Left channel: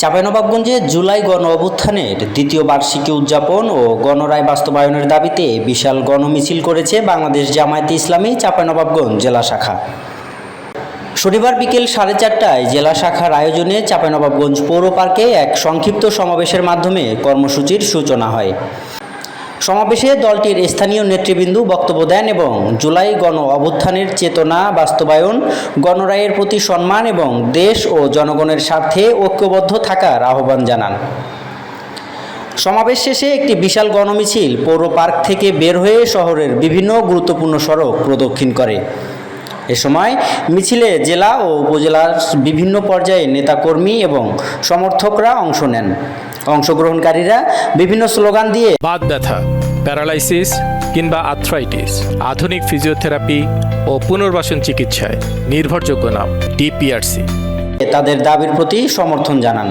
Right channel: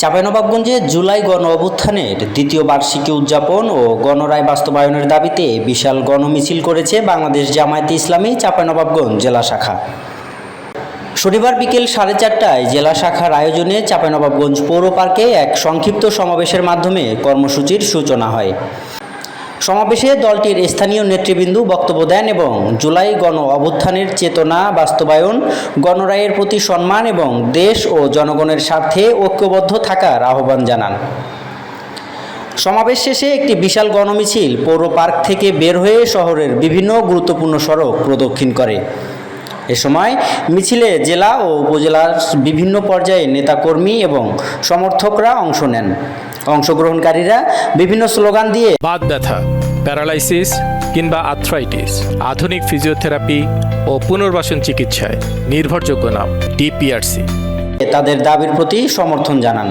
চাঁপাইনবাবগঞ্জে জুলাই গণ অভ্যুত্থানের দ্বিতীয় বার্ষিকী উদযাপন ও গণরায় বাস্তবায়নের দাবিতে বিশাল গণমিছিল করেছে বাংলাদেশ জামায়াতে ইসলামী চাঁপাইনবাবগঞ্জ জেলা শাখা। শনিবার বিকেল 4:30টায় জেলা শাখার আয়োজনে চাঁপাইনবাবগঞ্জ পৌর পার্কে এক সংক্ষিপ্ত সমাবেশের মাধ্যমে কর্মসূচির সূচনা হয়। সমাবেশে দলটির স্থানীয় নেতৃবৃন্দ বক্তব্য দেন এবং জুলাই গণ অভ্যুত্থানের চেতনা বাস্তবায়ন, গণরায়ের প্রতি সম্মান এবং দেশ ও জনগণের স্বার্থে ঐক্যবদ্ধ থাকার আহ্বান জানান। সমাবেশ শেষে একটি বিশাল গণমিছিল পৌর পার্ক থেকে বের হয়ে শহরের বিভিন্ন গুরুত্বপূর্ণ সড়ক প্রদক্ষিণ করে। এ সময় মিছিলে জেলা ও উপজেলার বিভিন্ন পর্যায়ে নেতাকর্মী এবং সমর্থকরা অংশ নেন। অংশগ্রহণকারীরা বিভিন্ন স্লোগান দিয়ে বাত ব্যথা, প্যারালাইসিস কিংবা আর্থ্রাইটিস, আধুনিক ফিজিওথেরাপি ও পুনর্বাসন চিকিৎসায় নির্ভরযোগ্য নাম ডিপিআরসি তাদের দাবির প্রতি সমর্থন জানান।